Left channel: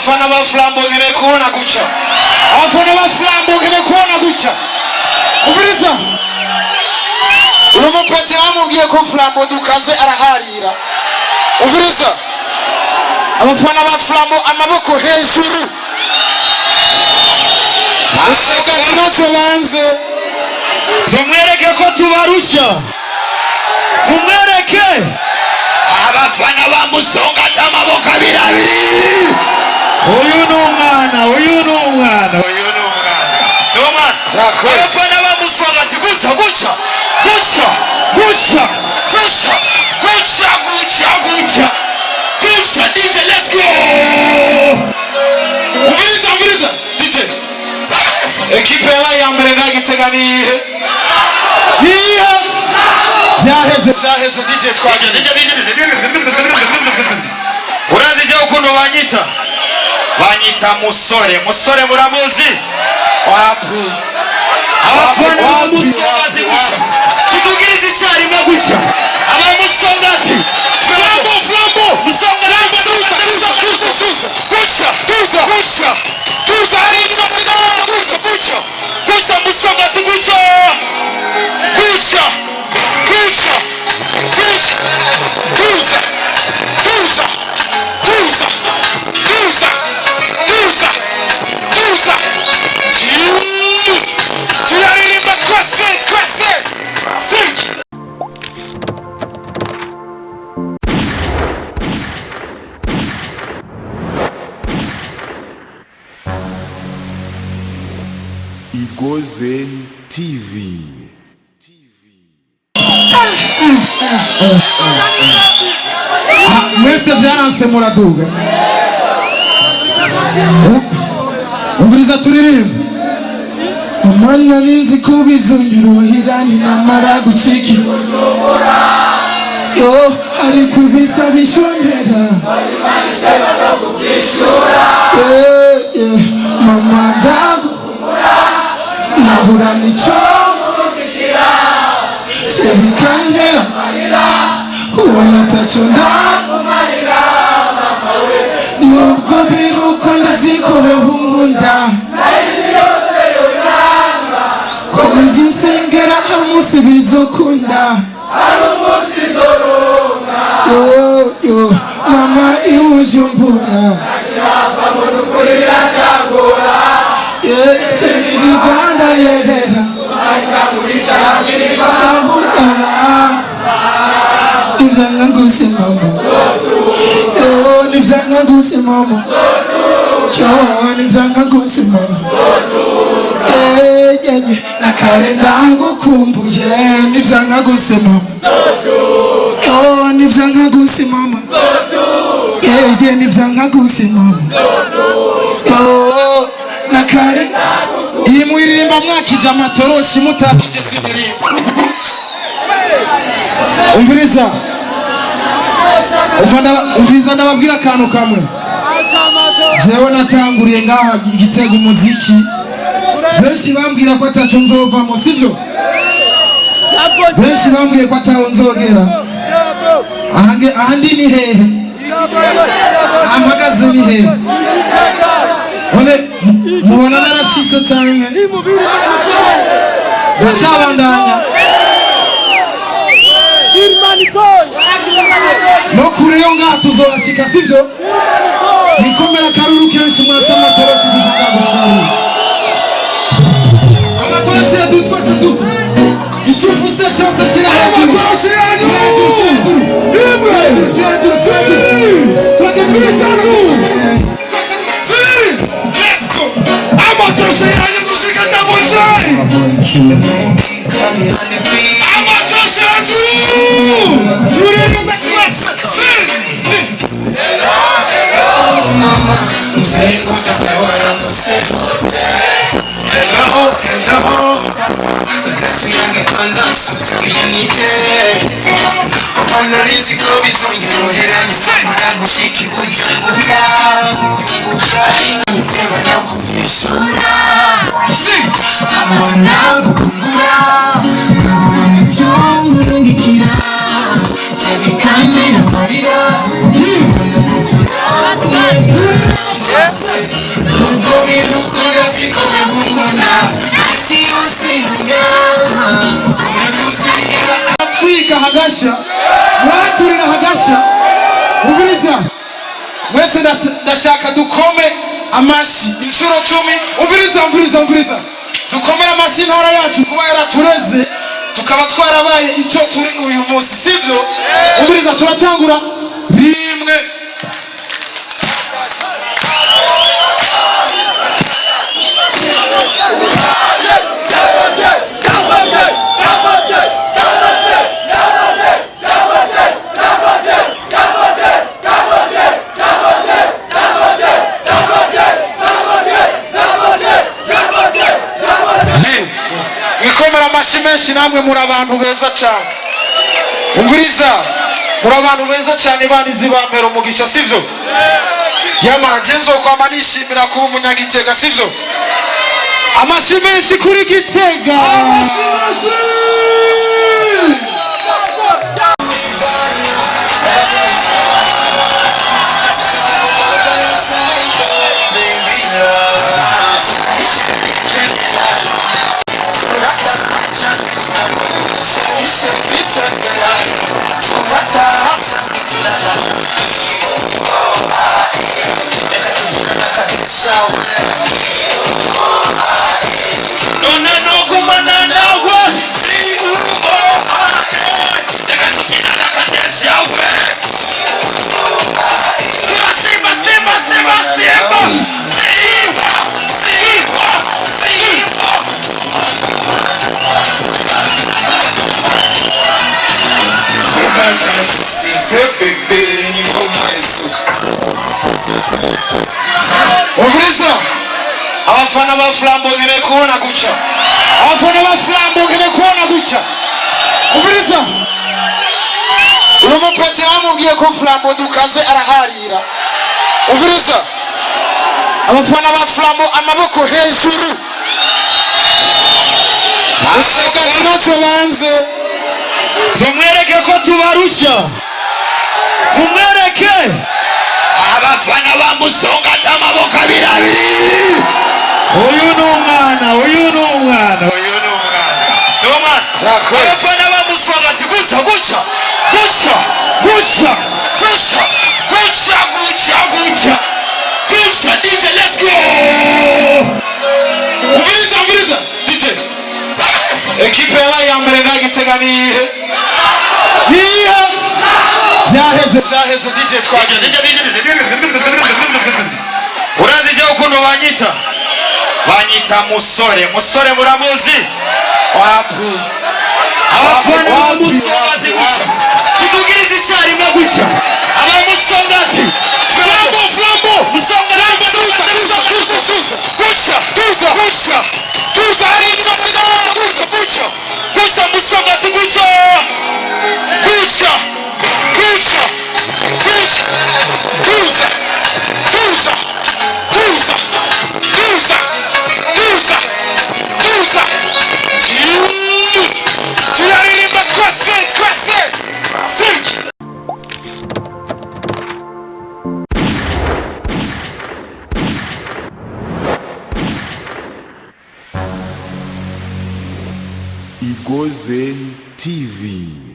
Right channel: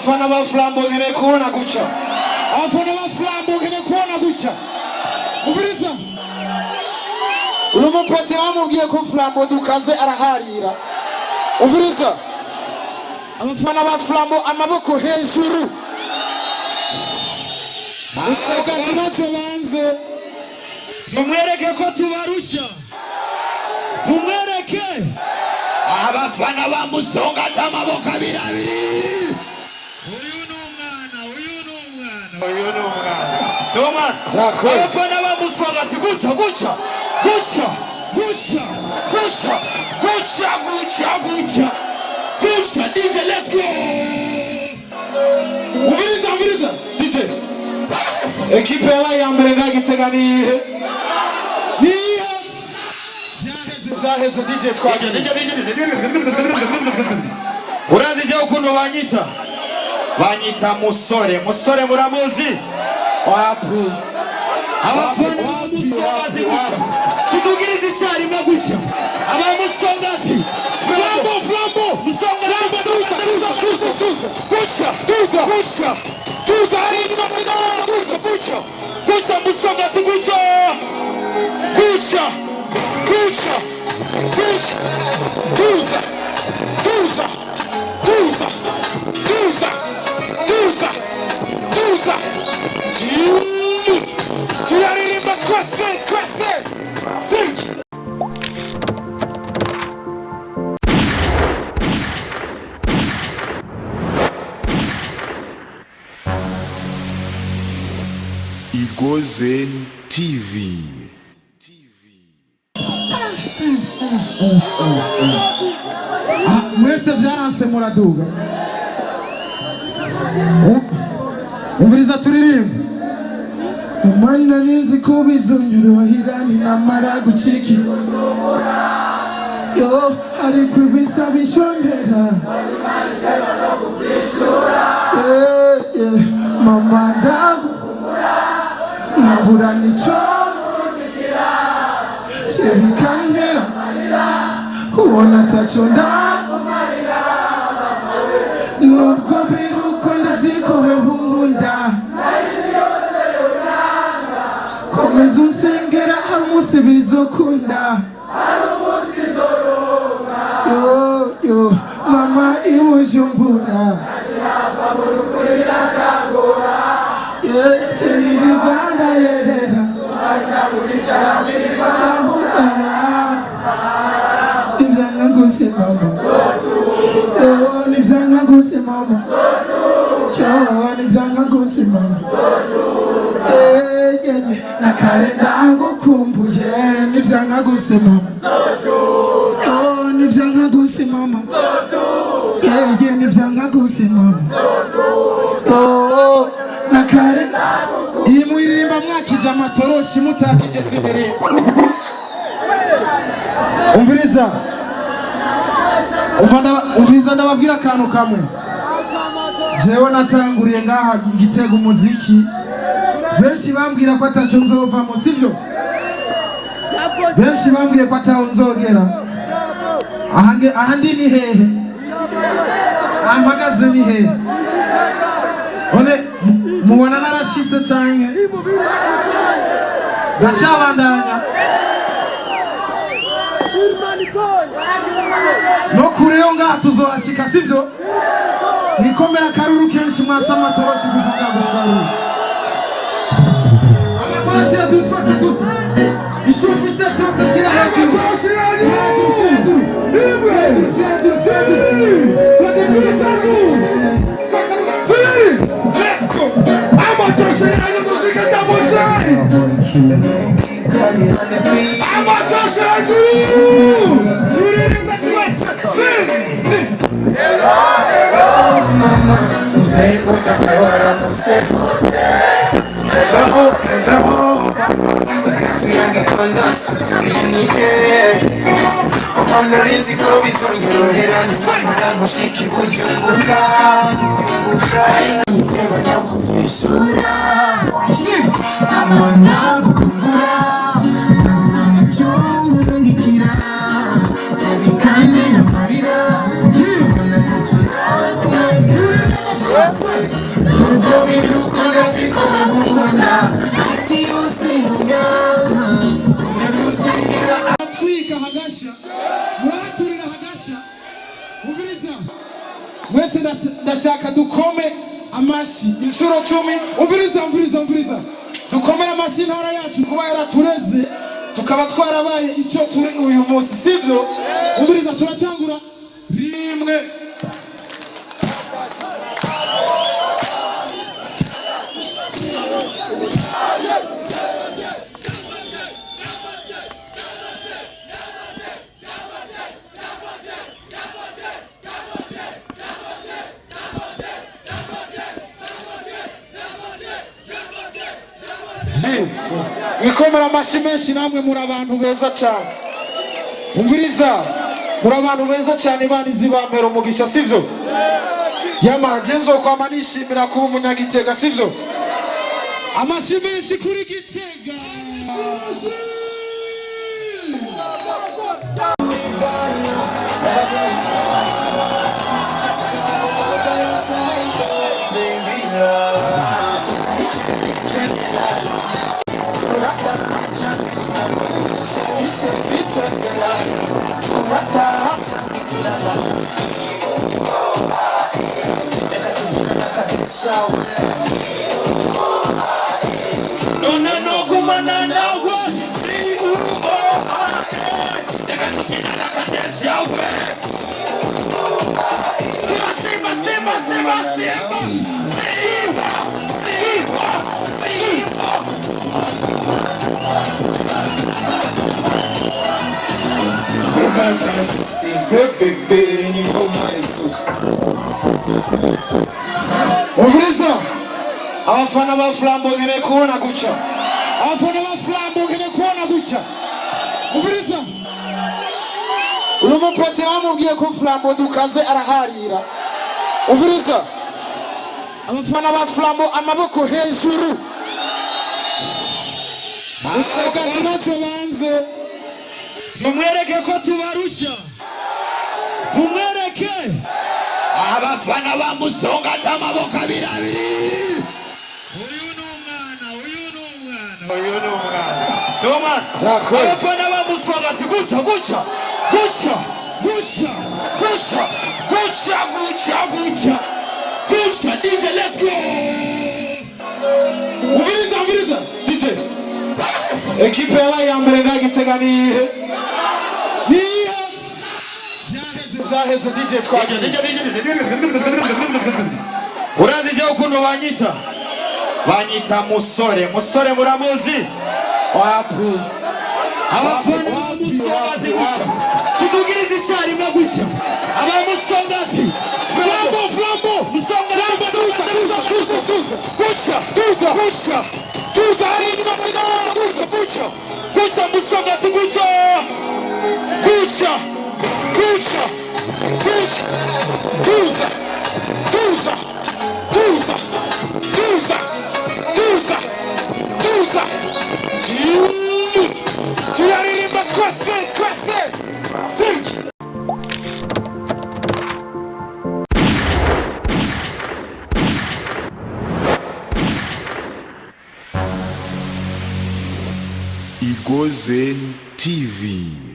abafana ba Flambo ngene kubona guca abafana ba Flambo ngene kubona guca umviriza uyu mupeti namubwiye ko Flambo dukaze araharira umviriza abafana ba Flambo amaboko hejuru useka zinocho banze tumwereke ko tubarusha tumwereke abafana ba Musonga tamaboko abirabiri uyu numwana abafana ba Musonga ati guca DJ let's go umviriza DJ ekipe ya mbere ngagiteganiye byaheze DJ twagende urazi je ukuntu banyita musore muramuzi wapu abafana ba Musonga ati guca tugugiriza icyari maguca aba Musonga ati Flambo Musonga guca Musonga ati guca tuyaririmba twese Igozen TV. mwese byaranse muraduga umviriza turirimba umwana ninzi kubizungiruhirani namara guciki yo hari kubisa bishondera mama ndagu nabura nico sebikandera kubona tacho nubwo biruko ndazikobe bungunda komeza insengera hamuse bizokunda yo mama iwujumbura chemiri Rwanda yerera nivyanga gusimama nivyanga gusimama nivyanga gusimama nakare ndagukumbuye nivyanga gusimama nivyanga gusimama nivyanga gusimama nakare iyi mwiririmba mwakije amatoroshi mutakije sindirimba umviriza ndababwira akantu kamwe jewe natanguriye ngaha igitego umuziki benshi bambwira ko ataco nzovamo sivyo benshi bambwiye ko ataho nzogera ahandi ni hehe ampagaze ni hehe one mubona narashitse canke ndacabandanya no kureyo ngaha tuzohashika sivyo nikomera karuru kenshi mwasa amatoroshi kuvuga gushora amatoroshi yacu twese dusa icyo ufise cyose kira amatoroshi yanyu Ubwo birukundo siko bigukunda si usinya atwika hagasha mwaturira hagasha umviriza mwese ndashaka dukome amashi inshuro 10 umviriza dukomera amashi ntara yacu kuba yaratureze tukaba twarabaye icyo turi uyu munsi sivyo umviriza turatangura rimwe ikomera amashi menshi namwe muri abantu beza cyane umviriza muri abantu beza cyane banizi bampera umugisha sivyo yamanje nzokwama nishimira kuba umunyagitega sivyo amashi menshi kuri Gitega amashi umviriza abafana ba Flambo ngene kubona guca abafana ba Flambo ngene kubona guca umviriza uyu mupeti namubwiye ko Flambo dukaze araharira umviriza abafana ba Flambo amaboko hejuru asakazi naco banze tumwereke ko tubarusha tumwereke abafana bamusonga amaboko abiri uyu ni umwana abafana bamusonga ati guca DJ let's go umviriza DJ ekipe yabaye ya mbere nta Gitega nihe byaheze DJ twagenda urazi je ukuntu banyita musore muramuzi wapu abafana bamusongati guca tukugiriza icyarimwe guca abamusongati Flambo musongati guca musongati tuyaririmba twese Igozen TV.